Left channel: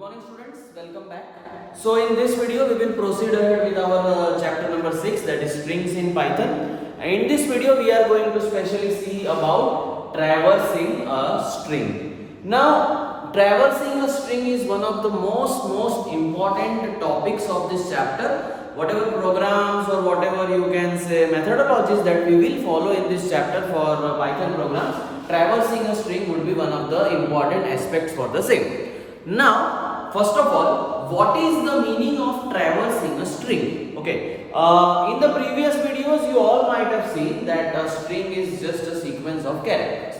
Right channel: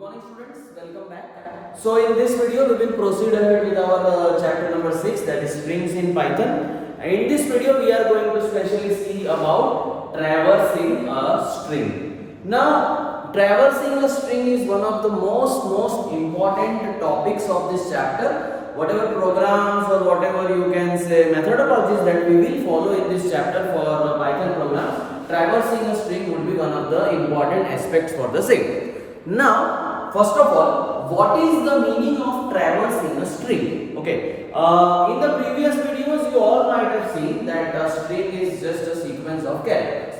Good morning students, welcome back. So in this video we will proceed ahead with our chapter number 6, that is strings in Python. And in this video we are going to specially see about traversing a string. Now traversing a string is one of the most important topics of this chapter. Whatever programs or whatever you can say methodologies that we will follow in this chapter for Python program, traversing a string would be one of the important aspects for the same. Now, first of all, what is the meaning of traversing a string? Okay, in the previous videos, you all might have seen that a string is just a sequence of characters.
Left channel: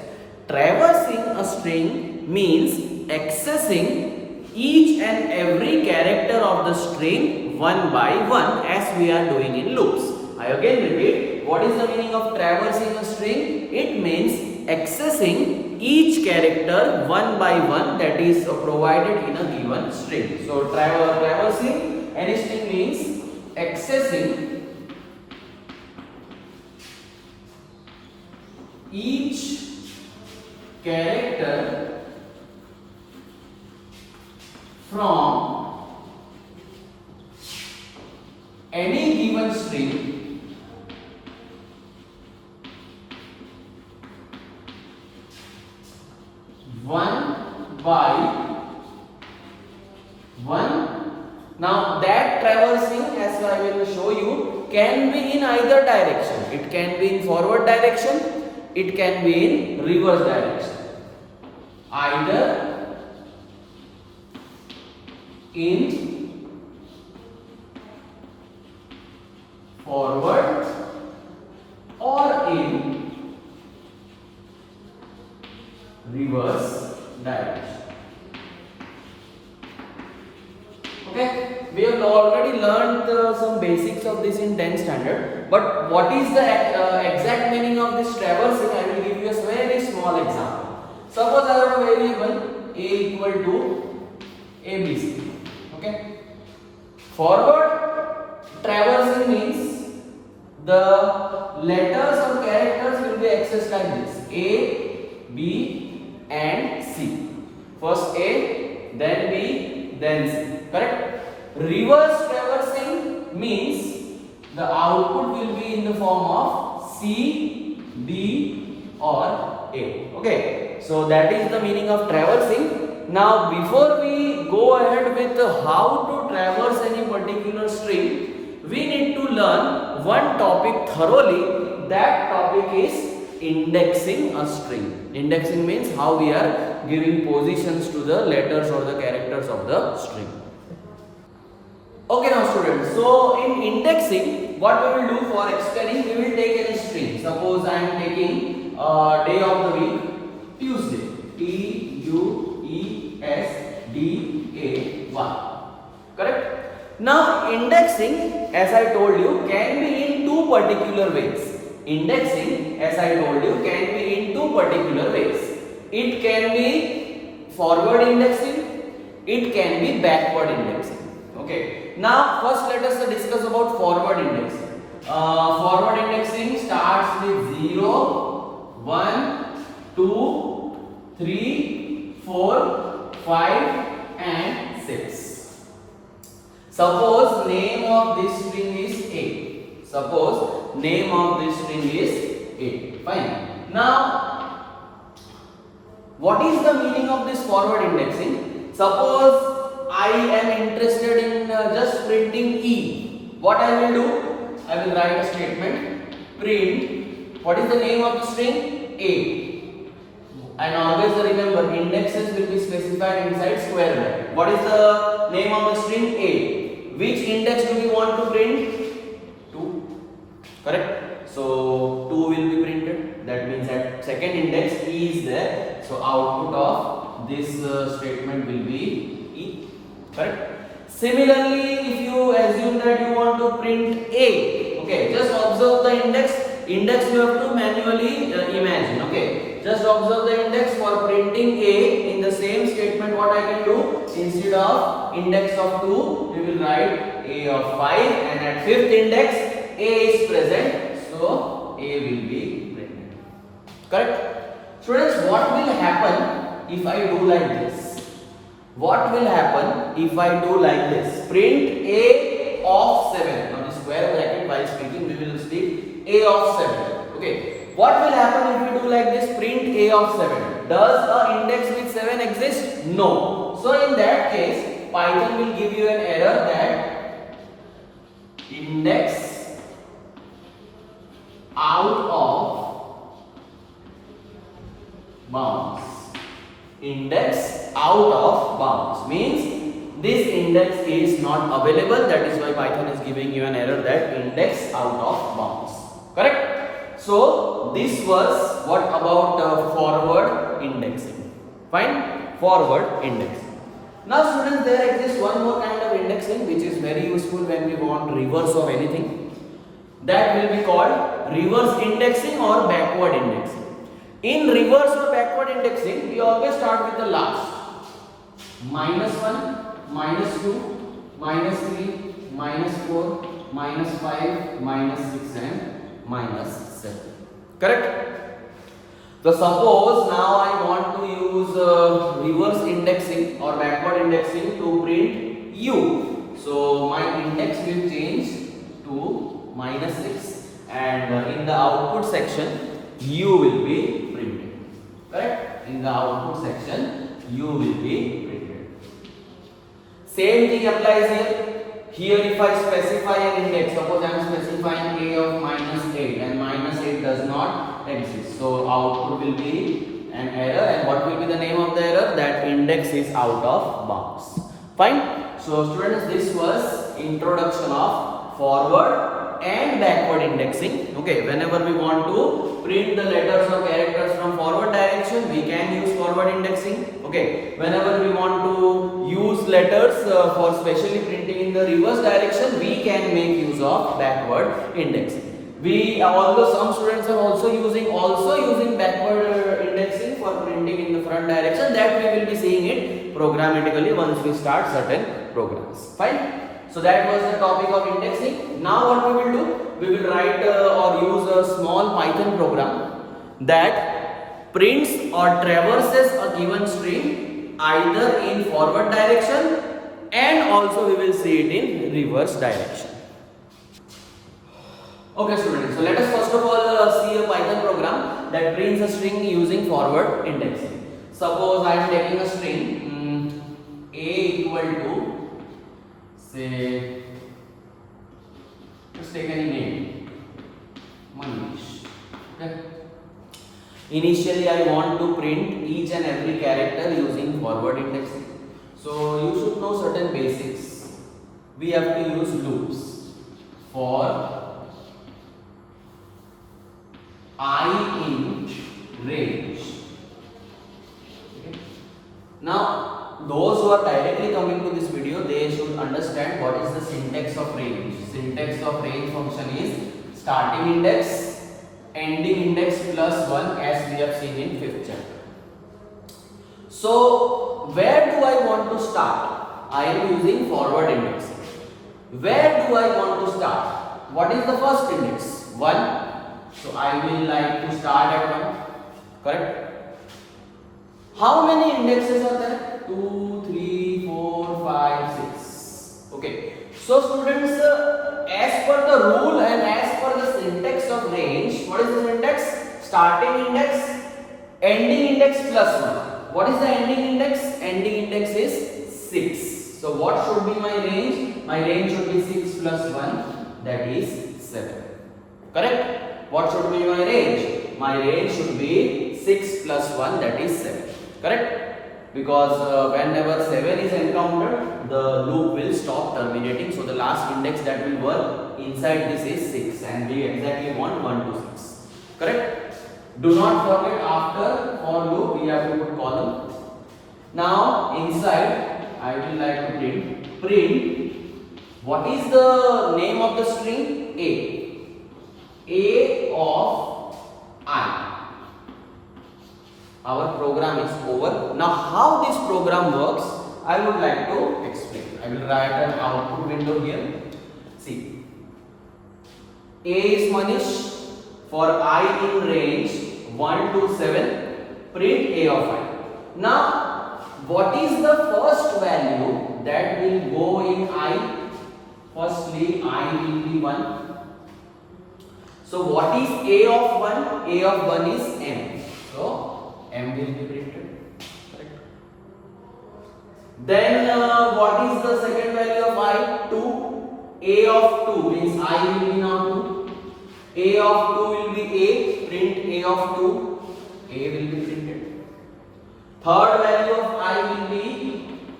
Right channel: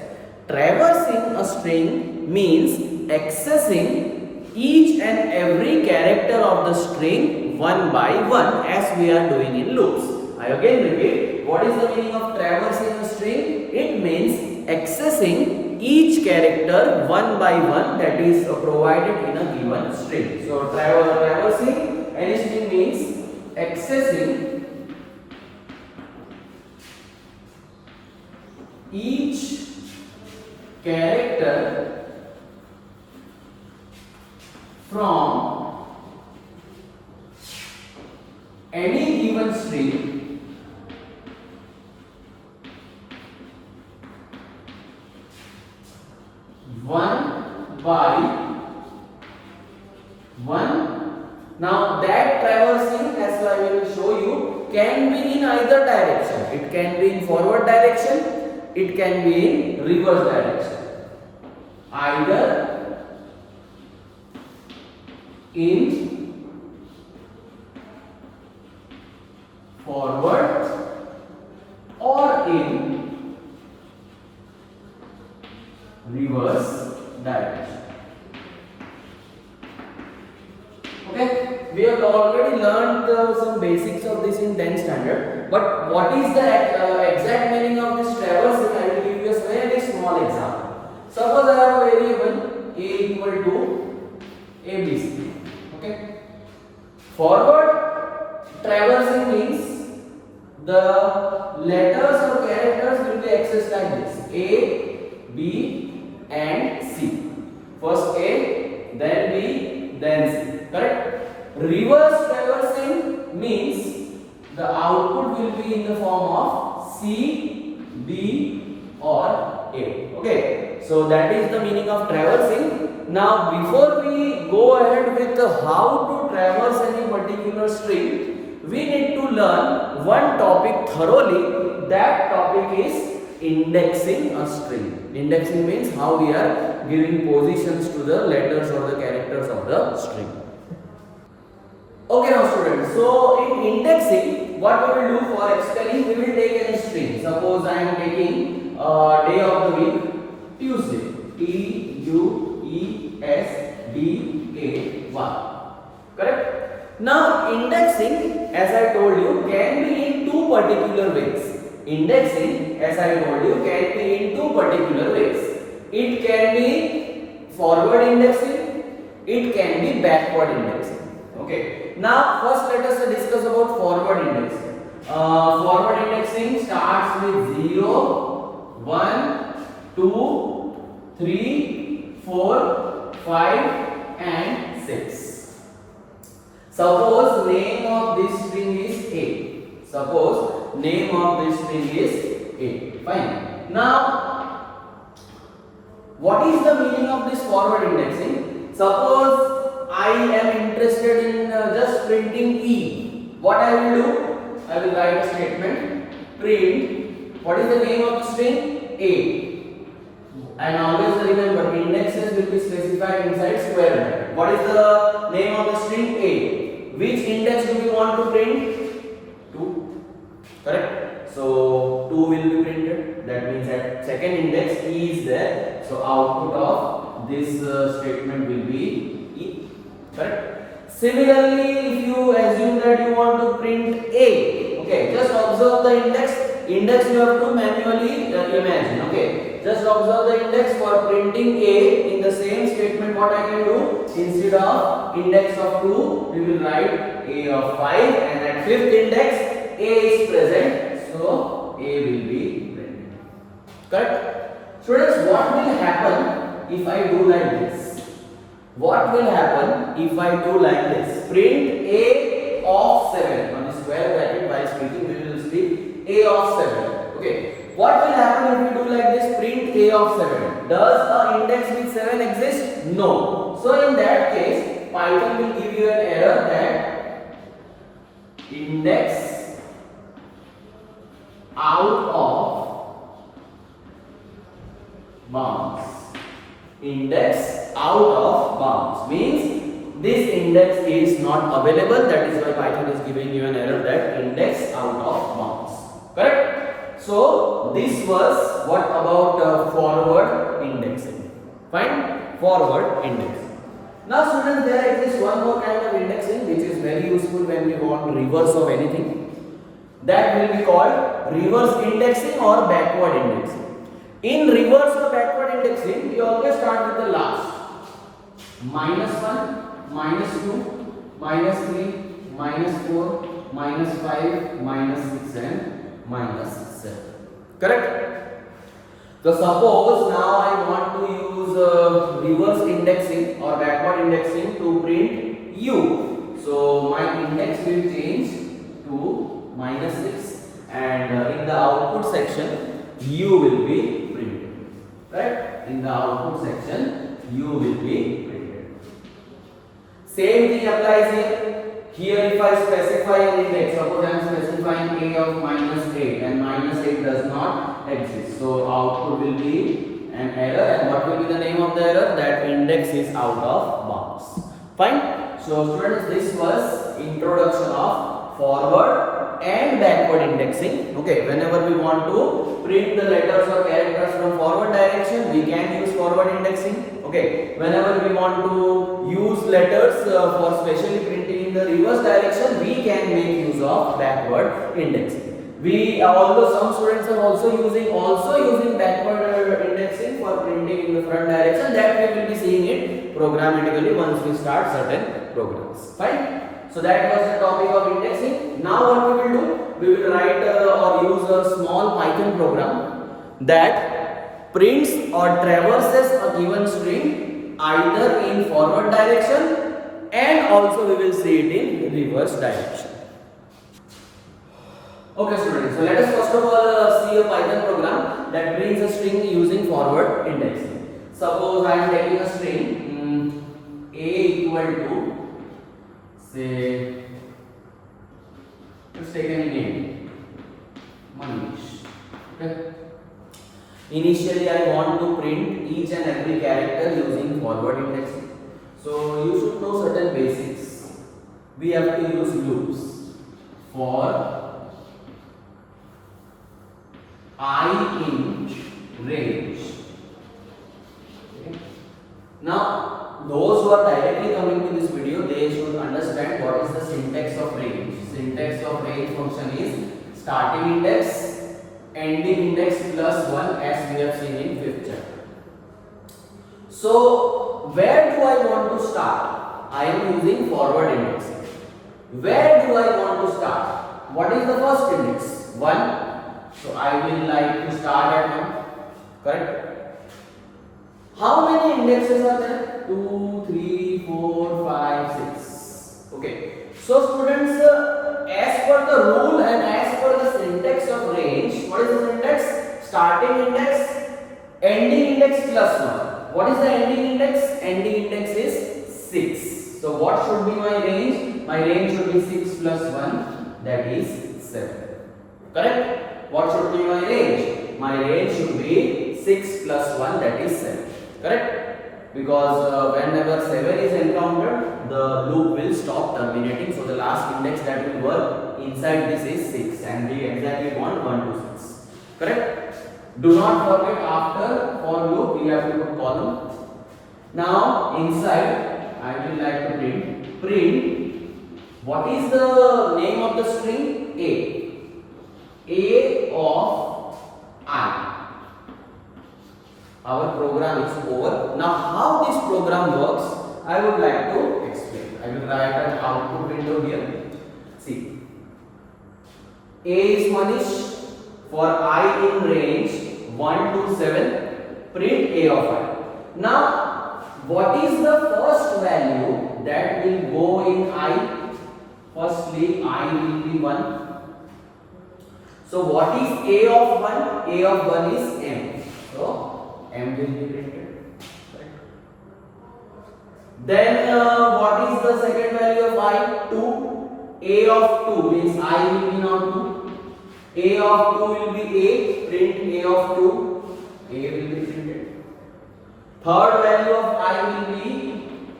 Traversing a string means accessing each and every character of the string one by one, as we are doing in loops. I again repeat, what is the meaning of traversing a string? It means accessing each character one by one that is provided in a given string. So traversing any string means accessing each character from any given string one by one. Now that traversing, as I will show you, can be in either direction. It can be in forward direction, it can be in reverse direction. Either in forward or in reverse direction. Okay, we have already learned some basics of this in 10th standard, but what is the exact meaning of this traversing? I will give you a very small example. Suppose I have a variable a equal to abc. Okay, forward traversing means the letters or characters will be accessed like this: A, B and C. First A, then B, then C. Correct? Reverse traversing means the output will be in the form of C, D or A. Okay, so that is the meaning of traversing. Now before we go ahead with how to traverse any particular string, we need to learn one topic thoroughly. That topic is indexing a string. Indexing means how we are giving positions to the letters or the characters of the string. Okay, now students, so in indexing, what we will do for explaining, we will take any string. Suppose I am taking day of the week, Tuesday, Tuesday. Correct? Now indexing, as I told you, can be in two particular ways. Indexing, as I told you, can be in two particular ways. It can be forward indexing, it can be backward indexing. Okay. Now first let us discuss about forward indexing. Forward indexing starts with 0, 1, 2, 3, 4, 5 and 6. Suppose name of this string is A. Suppose name of this string is A. Fine. Now, what is the meaning of this forward indexing? Suppose I am interested in just printing E. What I will do? I will write a statement. Print. What is the name of the string? A. And always remember, indexes will be specified inside square bracket. What is the name of the string? A. Which index do we want to print? 2. Correct? So 2 will be printed. That means at second index E is there. So output of this statement will be E. Correct? Similarly, if you assume that you want to print A, okay, just observe the index. Index you have to manually imagine. Okay, just observe the index for printing A. In the same statement, what I can do, instead of index of 2, we will write A of 5, and at fifth index A is present, so A will be printed. Correct? Students, what will happen if I do like this? what will happen if I do like this? Print A of 7. On the square bracket while speaking we will speak A of 7. Okay. What will happen if we do like this? Print A of 7. Does an index with 7 exist? No. So in that case, Python will give you an error that index out of bounds. Index out of bounds means this index is not available. That is why Python is giving you an error that index out of bounds. Correct? So this was what about forward indexing. Fine? Forward indexing. Now students, there exists one more kind of indexing which is very useful when we want reverse of anything. That will be called reverse indexing or backward indexing. In reverse or backward indexing, you always start with the last. -1, -2, -3, -4, -5, -6 and -7. Correct? So suppose now I want to use reverse indexing or backward indexing to print u. So my index will change to -6 and in the output section u will be printed. Correct? In the output section u will be printed. Same thing applies here. Here if I specify an index, suppose I am specifying a of -8 and -8 does not exist. So output will be an error, and what will be the name of the error? That index is out of bounds. Fine? So students, this was introduction of forward and backward indexing. Okay, whenever we want to print the letters or characters from forward direction, we can use forward indexing. Okay, whenever we want to use letters for specially printing in the reverse direction, we can make use of backward indexing. Although some students are also using backward indexing for printing in the front direction, that we will be seeing it programmatically once we start certain programs. Fine. So that was the topic of indexing. Now what we will do? We will write or use a small Python program that prints or traverses a given string either in forward direction and also we will see it in reverse direction. Okay students, so let us first of all see a Python program that prints a string using forward indexing. Suppose I am taking a string a equal to, say, let's take any name, Manish. Okay. Initially I want to print each and every character using forward indexing. So you should know certain basics. We have to use loops for I in range. Okay. Now those who are directly coming to this video, they should understand what is the syntax of range. Syntax of range function is starting index, ending index plus 1, as we have seen in 5th chapter. So where do I want to start? I am using forward indexing. Where do I want to start? What is the first index? 1. So I will like to start at 1. Correct? How many indexes are there? 2, 3, 4, 5, 6. Okay. So students, as per the rule and as per the syntax of range, what is the syntax? Starting index, ending index plus 1. What is the ending index? Ending index is 6. So what should be my range? My range should be 6 plus 1, that is 7. Correct? What should be my range? My range should be 6 plus 1, that is 7. Correct? Because whenever 7 is encountered, the loop will stop terminating. So the last index that will work inside this is 6 and we exactly want 1 to 6. Correct? Do not forget, after for loop we have to put column. Now inside I will like to print what is the name of the string? A of I. Our program is over. Now how this program works, I would like to explain. I will write an output window here. See, A is Manish. For I in range 1 to 7, print A of I. Now what is the first value that will go in I? Firstly, I will be 1. So what is a of 1? A of 1 is m. So m will be printed. Then what is the second value of I? 2. A of 2 means I will be now 2. A of 2 will be A. Print A of 2. A will be printed. Third value of I will be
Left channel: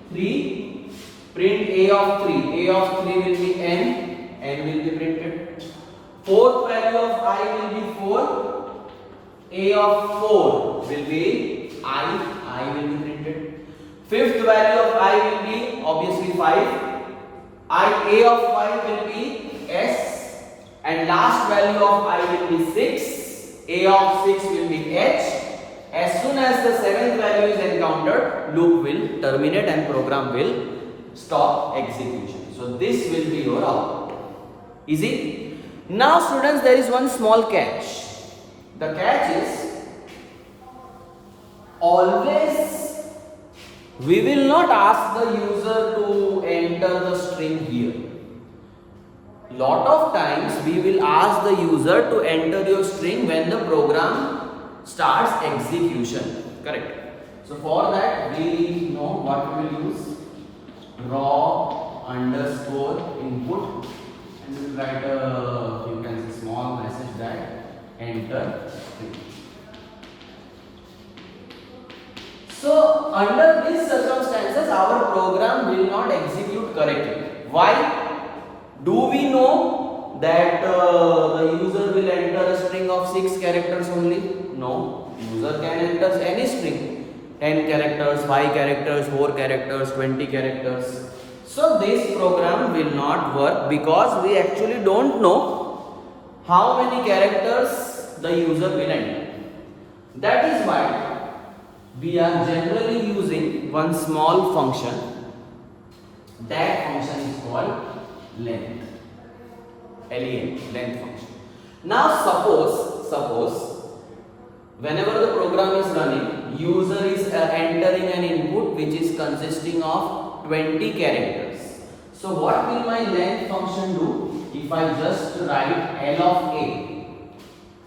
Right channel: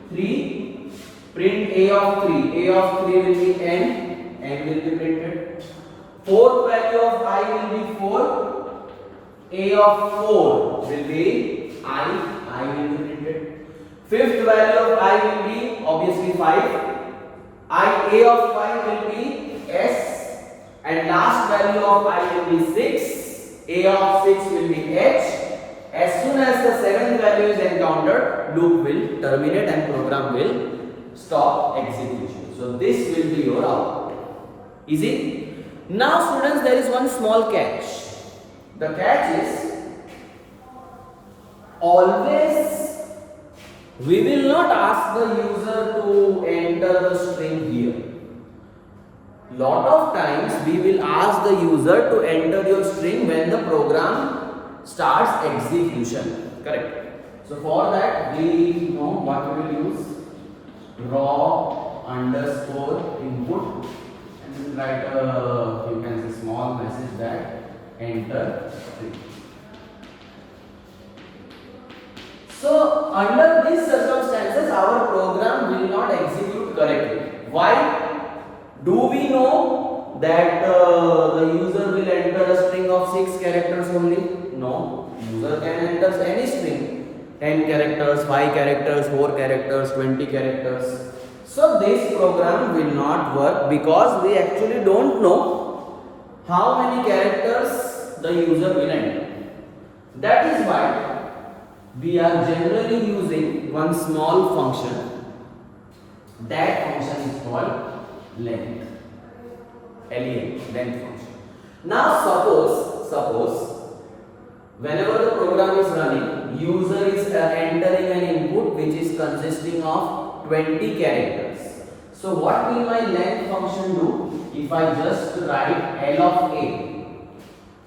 3. Print A of 3. A of 3 will be n. N will be printed. Fourth value of I will be 4. A of 4 will be I. I will be printed. Fifth value of I will be obviously 5. A of 5 will be S. And last value of I will be 6. A of 6 will be H. As soon as the seventh value is encountered, loop will terminate and program will stop execution. So this will be your output. Easy? Now students, there is one small catch. The catch is always we will not ask the user to enter the string here. Lot of times we will ask the user to enter your string when the program starts execution. Correct? So for that we know what we will use. Raw underscore input, and we will write a, you can see, small message that enter string. So under these circumstances our program will not execute correctly. Why? Do we know that the user will enter a string of 6 characters only? No. User can enter any string. 10 characters, 5 characters, 4 characters, 20 characters. So this program will not work because we actually don't know how many characters the user will enter. That is why we are generally using one small function. That function is called length. LEN, length function. Now suppose whenever the program is running, user is entering an input which is consisting of 20 characters. So what will my length function do? If I just write L of A,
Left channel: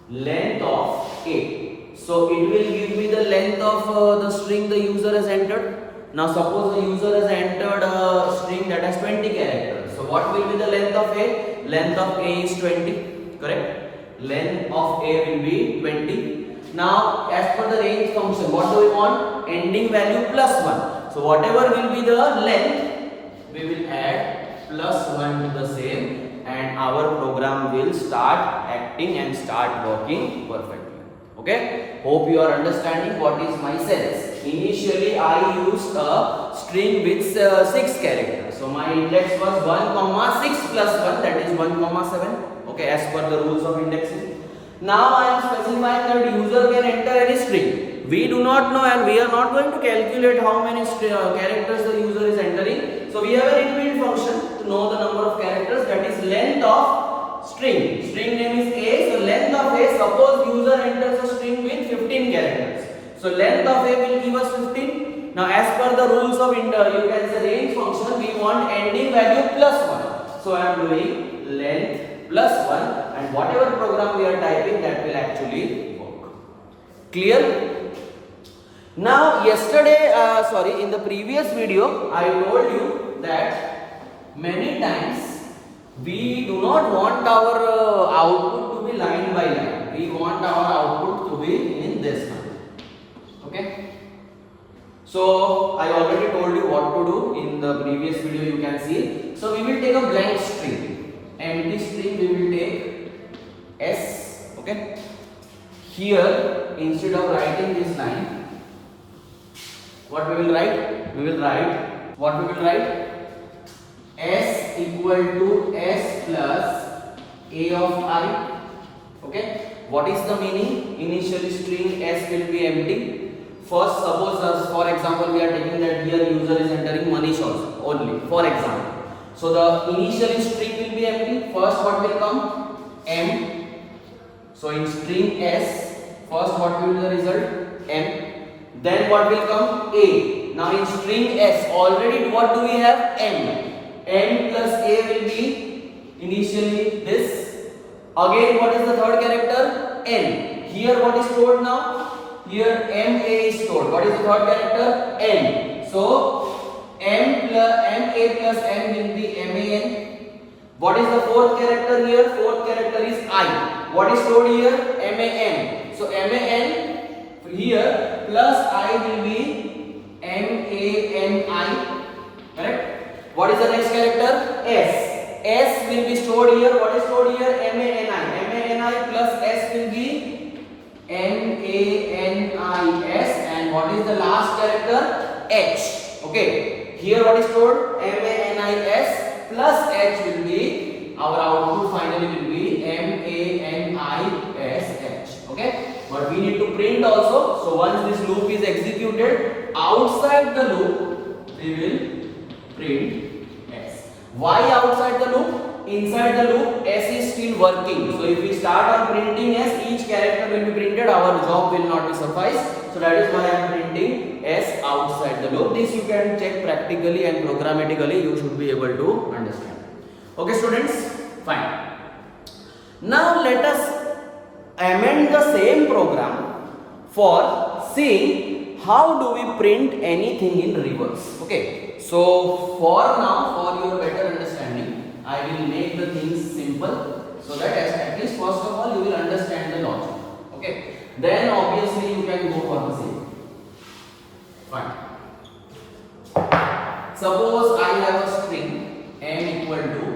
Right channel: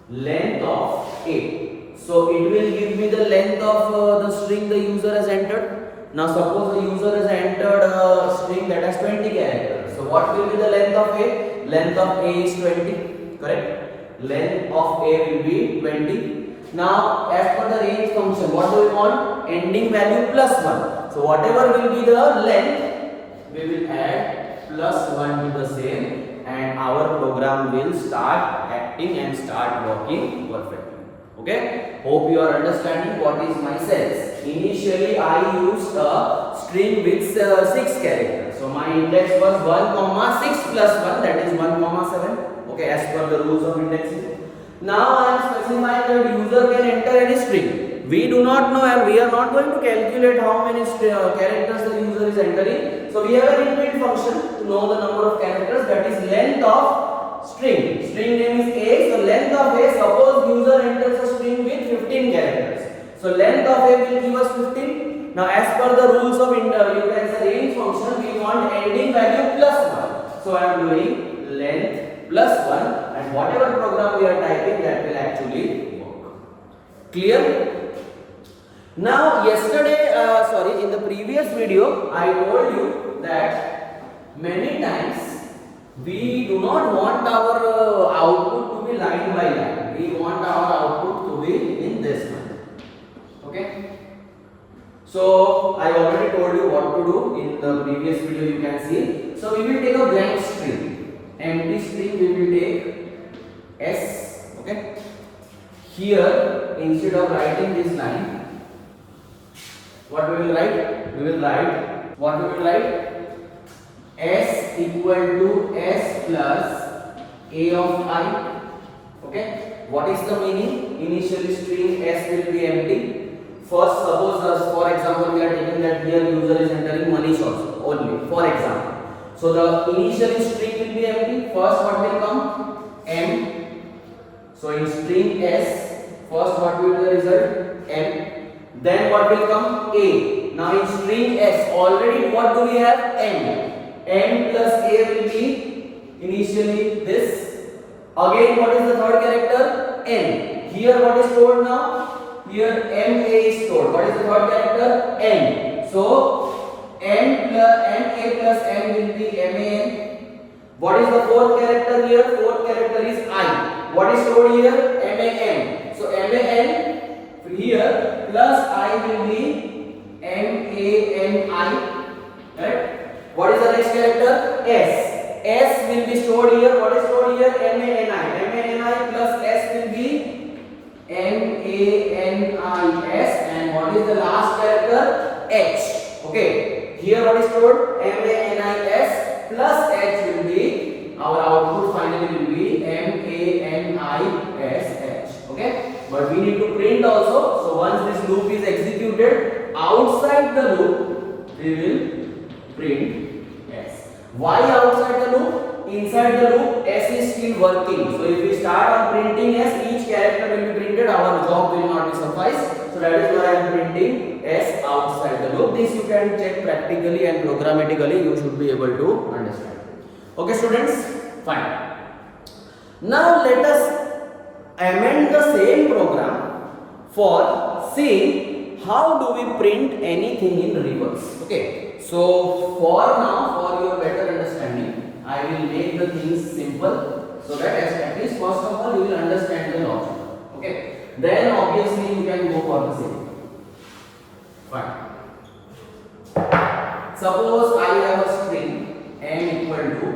length of A, so it will give me the length of the string the user has entered. Now suppose the user has entered a string that has 20 characters. So what will be the length of A? Length of A is 20. Correct? Length of A will be 20. Now as per the range function, what do we want? Ending value plus 1. So whatever will be the length, we will add plus 1 to the same, and our program will start acting and start working perfectly. Okay, hope you are understanding what is my sense. Initially I used a string with 6 characters. So my index was 1, 6 plus 1, that is 1, 7. Okay, as per the rules of indexing. Now I am specifying that user can enter any string. We do not know and we are not going to calculate how many characters the user is entering. So we have an inbuilt function to know the number of characters, that is length of string. String name is A. So length of A, suppose user enters a string with 15 characters. So length of A will give us 15. Now as per the rules of you can say range function, we want ending value plus 1. So I am doing length plus 1, and whatever program we are typing, that will actually work. Clear? Now yesterday, in the previous video, I told you that many times we do not want our output to be line by line. We want our output to be in this manner. Okay? So I already told you what to do in the previous video, you can see. So we will take a blank string, empty string we will take S. Okay? Here, instead of writing this line, what we will write? What we will write? S equal to S plus A of I. Okay? What is the meaning? Initially string S will be empty. First, suppose for example we are taking that here user is entering Manish also only, for example. So the initial string will be empty. First what will come? M. So in string S, first what will be the result? M. Then what will come? A. Now in string S, already what do we have? N. N plus A will be initially this. Again, what is the third character? N. Here what is stored now? Here MA is stored. What is the third character? N. So N plus MA plus N will be MAN. What is the fourth character here? Fourth character is I. What is stored here? MAN. So MAN here plus I will be MANI. Correct? What is the next character? S. S will be stored here. What is stored here? MANI. MANI plus S will be MANIS. And what is the last character? H. Okay. Here what is stored? MANIS plus H will be, our output finally will be MANISH. Okay. But we need to print also. So once this loop is executed, outside the loop, we will print S. Why outside the loop? Inside the loop, S is still working. So if we start on printing S, each character will be printed. Our job will not be suffice. So that is why I am printing S outside the loop. This you can check practically and programmatically. You should be able to understand. Okay, students. Fine. Now let us amend the same program for seeing how do we print anything in reverse. Okay. So for now, for your better understanding, I will make the things simple so that at least first of all you will understand the logic. Okay. Then obviously you can go for the same. Fine. Suppose I have a string n equal to,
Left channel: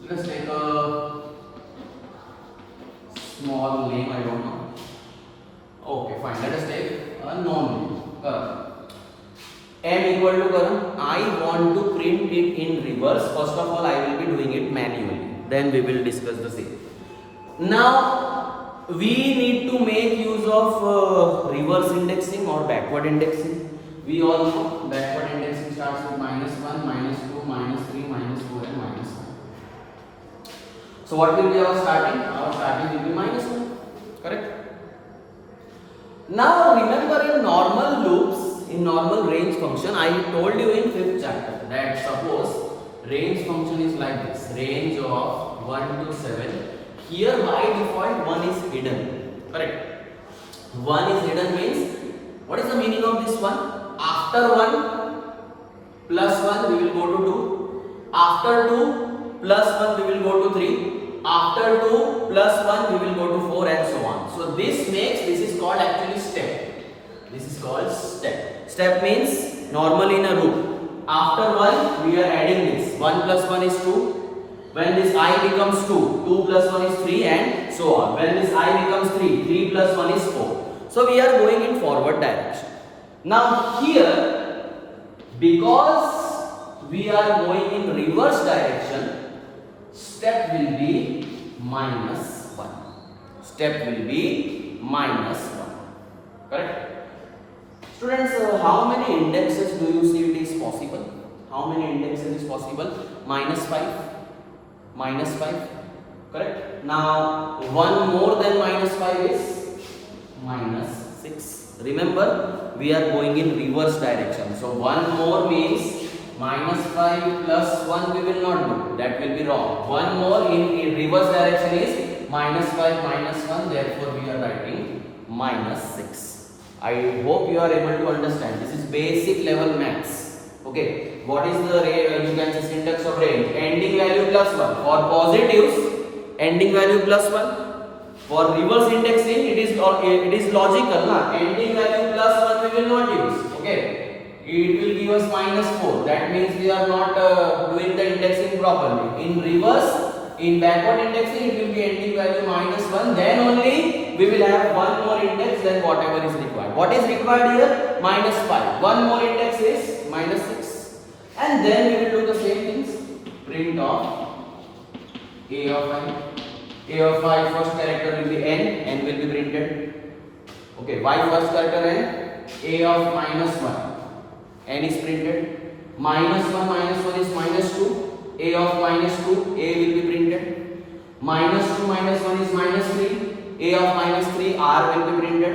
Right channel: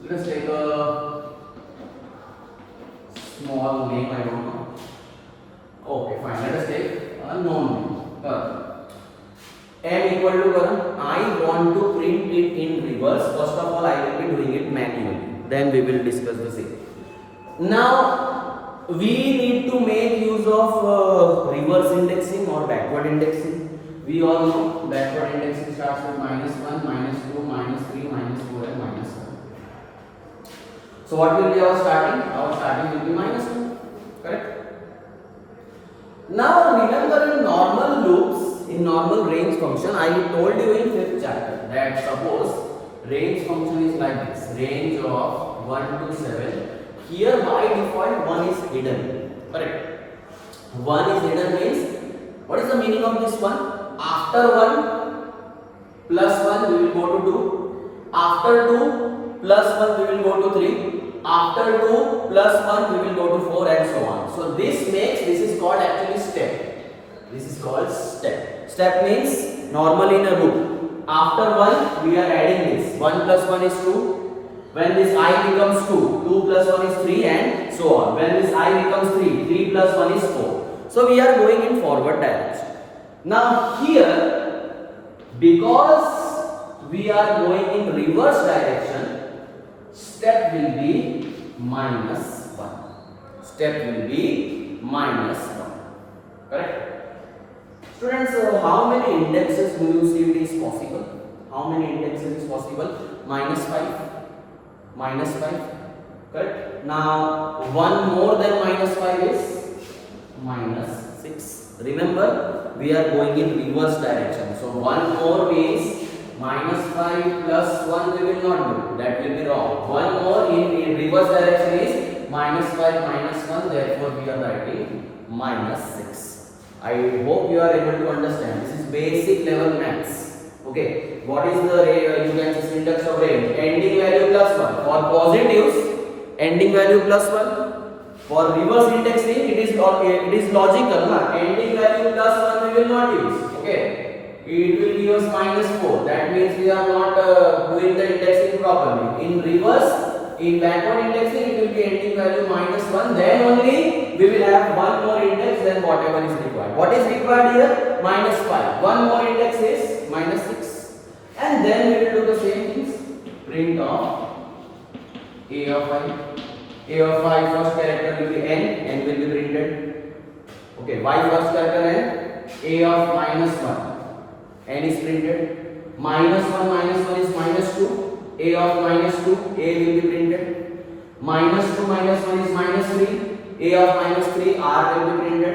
let us take a small name, I don't know. Okay, fine. Let us take a non name. M equal to I want to print it in reverse. First of all, I will be doing it manually. Then we will discuss the same. Now we need to make use of reverse indexing or backward indexing. We all know backward indexing starts with -1, -2, -3, -4 and -1. So what will be our starting? Our starting will be -1. Correct? Now remember, in normal loops, in normal range function, I told you in 5th chapter that suppose range function is like this, range of 1 to 7. Here by default 1 is hidden. Correct? 1 is hidden means, what is the meaning of this 1? After 1 plus 1 we will go to 2. After 2 plus 1 we will go to 3. After 2 plus 1 we will go to 4 and so on. So this is called actually step. This is called step. Step means normally in a loop. After 1 we are adding this. 1 plus 1 is 2. When this I becomes 2, 2 plus 1 is 3 and so on. When this I becomes 3, 3 plus 1 is 4. So we are going in forward direction. Now here, because we are going in reverse direction, step will be -1. Step will be -1. Correct? Students, how many indexes do you see it is possible? How many indexes is possible? -5. -5. Correct? Now, one more than -5 is -6. Remember, we are going in reverse direction. So, one more means -5 plus 1 we will not do. That will be wrong. One more in reverse direction is -5 -1. Therefore, we are writing -6. I hope you are able to understand. This is basic level maths. Okay. What is the you can say syntax of range? Ending value plus 1. For positives, ending value plus 1. For reverse indexing, it is logical. Ending value plus 1 we will not use. Okay. It will give us -4. That means we are not doing the indexing properly. In reverse, in backward indexing, it will be ending value -1. Then only we will have one more index than whatever is required. What is required here? -5. One more index is -6. And then we will do the same things. Print of A of I. A of I first character will be n will be printed. Okay, y first character n, A of -1, n is printed. -1 is -2, A of -2, A will be printed. -2 -1 is -3, A of -3, R will be printed.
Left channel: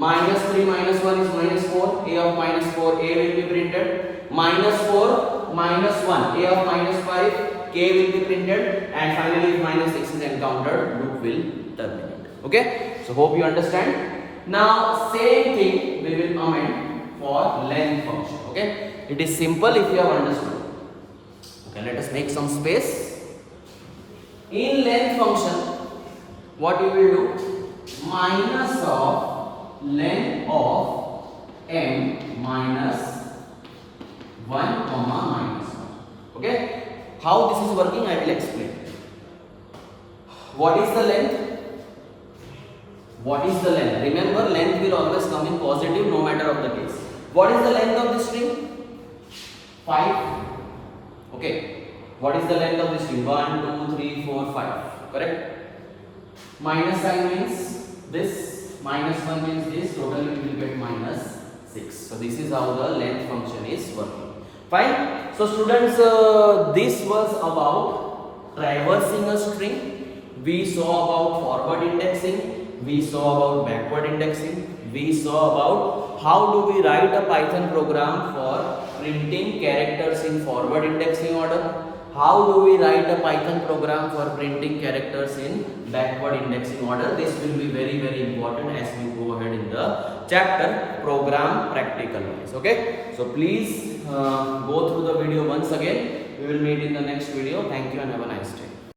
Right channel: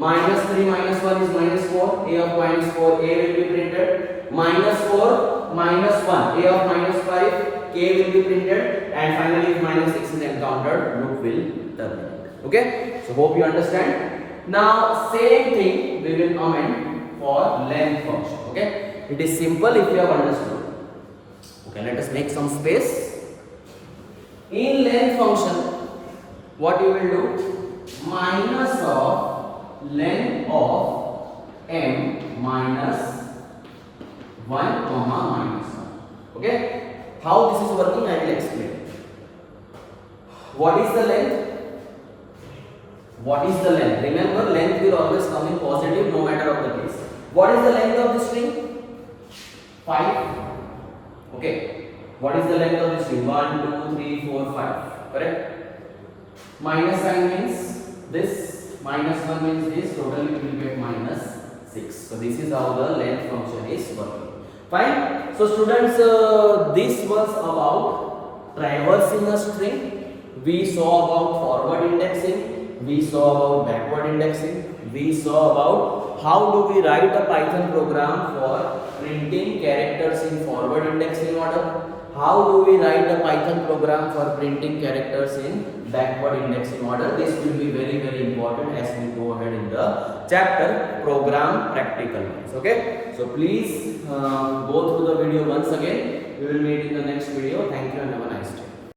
Minus 3 minus 1 is minus 4. A of minus 4, A will be printed. Minus 4 minus 1, A of minus 5, K will be printed. And finally, if minus 6 is encountered, loop will terminate. Okay? So hope you understand. Now same thing we will amend for length function. Okay? It is simple if you have understood. Okay, let us make some space. In length function, what you will do? Minus of length of m minus 1 comma minus 1. Okay? How this is working, I will explain. What is the length? What is the length? Remember, length will always come in positive no matter of the case. What is the length of the string? 5. Okay. What is the length of the string? 1, 2, 3, 4, 5. Correct? Minus sign means this. Minus 1 means this. Totally we will get minus 6. So this is how the length function is working. Fine. So students, this was about traversing a string. We saw about forward indexing. We saw about backward indexing. We saw about how do we write a Python program for printing characters in forward indexing order. How do we write a Python program for printing characters in backward indexing order? This will be very, very important as we go ahead in the chapter program practical wise. Okay, so please go through the video once again. We will meet in the next video. Thank you and have a nice day.